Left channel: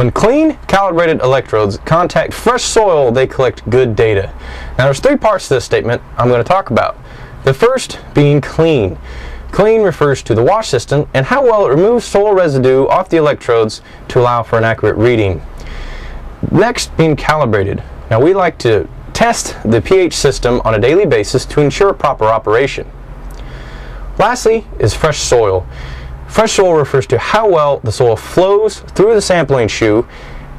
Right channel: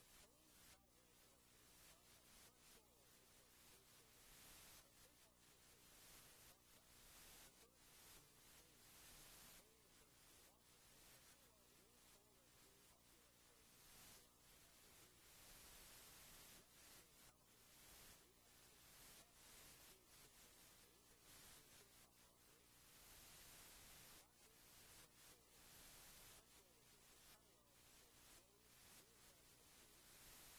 When clean, calibrated electrodes contact fresh soil, they collect good data. Now there's three parts to this statement I'm going to talk about. The first being clean. Clean refers to the wash system and how well it removes soil residue off the electrodes to allow for an accurate reading. Next, being calibrated. Now we like to test the pH system on a daily basis to ensure proper operation. Lastly is fresh soil. Fresh soil refers to how well the soil flows through the sampling shoe,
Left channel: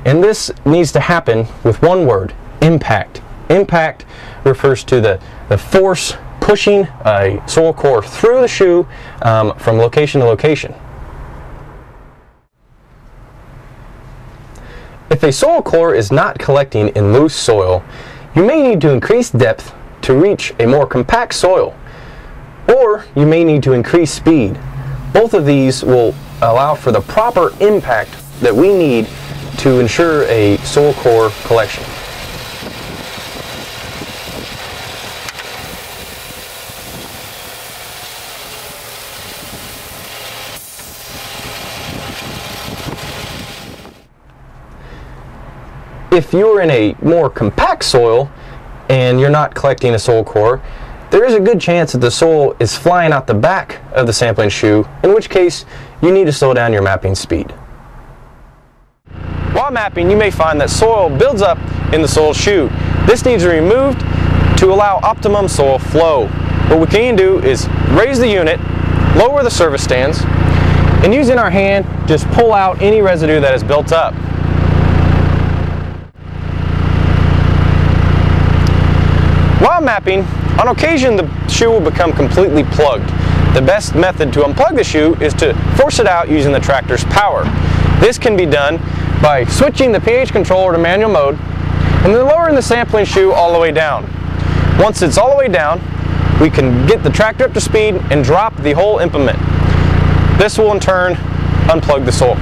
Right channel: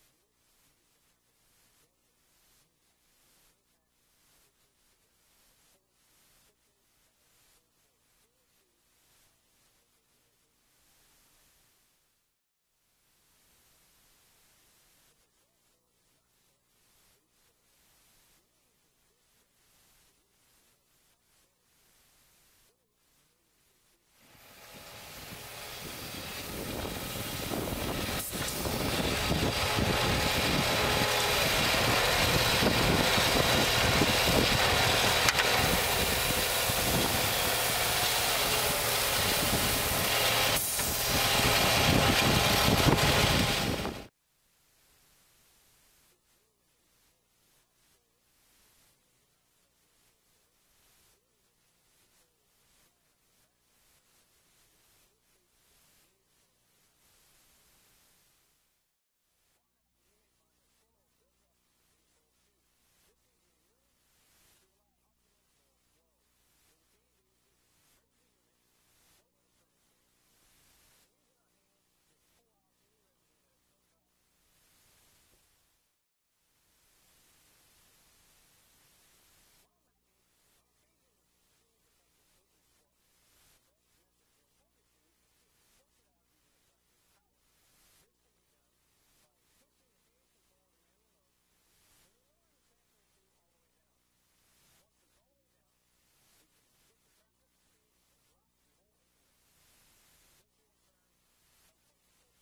and this needs to happen with one word: impact. Impact refers to the force pushing a soil core through the shoe from location to location. If a soil core is not collecting in loose soil, you may need to increase depth to reach a more compact soil, or you may need to increase speed. Both of these will allow for the proper impact that we need to ensure a soil core collection. If you're in a more compact soil and you're not collecting a soil core, there is a good chance that the soil is flying out the back of the sampling shoe, in which case you need to slow down your mapping speed. While mapping, you may find that soil builds up in the soil shoe. This needs to be removed to allow optimum soil flow. What we can do is raise the unit, lower the service stands, and using our hand, just pull out any residue that is built up. While mapping, on occasion the shoe will become completely plugged. The best method to unplug the shoe is to force it out using the tractor's power. This can be done by switching the pH controller to manual mode and then lowering the sampling shoe all the way down. Once it's all the way down, we can get the tractor up to speed and drop the whole implement. This will in turn unplug the soil.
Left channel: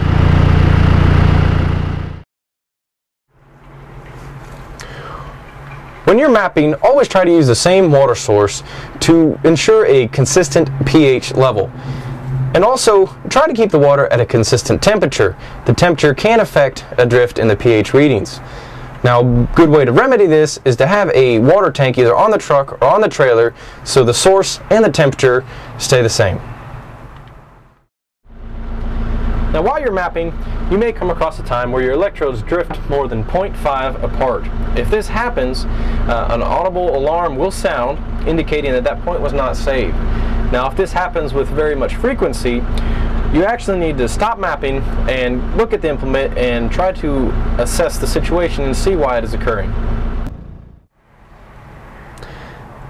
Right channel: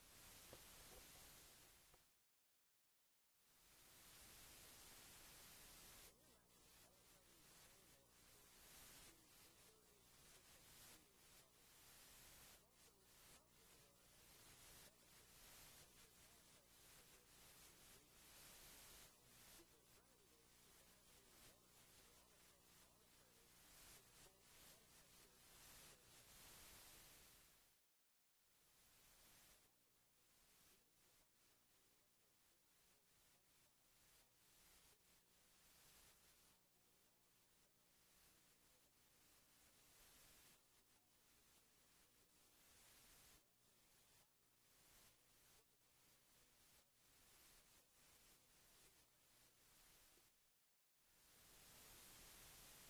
When you're mapping, always try to use the same water source to ensure a consistent pH level. And also, try to keep the water at a consistent temperature. The temperature can affect a drift in the pH readings. Now, a good way to remedy this is to have a water tank either on the truck or on the trailer so the source and the temperature stay the same. Now, while you're mapping, you may come across a time where your electrodes drift more than 0.5 apart. If this happens, an audible alarm will sound indicating that that point was not saved. Now, if this happens with very much frequency, you actually need to stop mapping and look at the implement and try to assess the situation and see why it is occurring.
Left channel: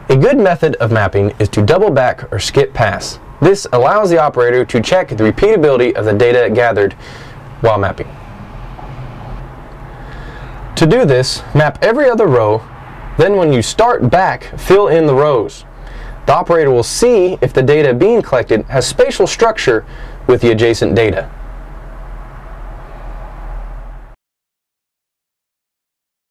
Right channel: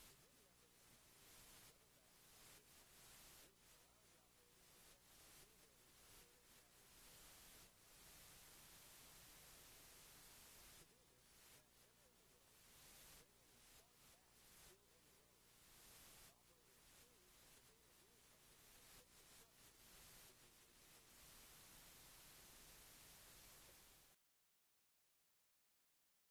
A good method of mapping is to double back or skip pass. This allows the operator to check the repeatability of the data gathered while mapping. To do this, map every other row, then when you start back, fill in the rows. The operator will see if the data being collected has spatial structure with the adjacent data.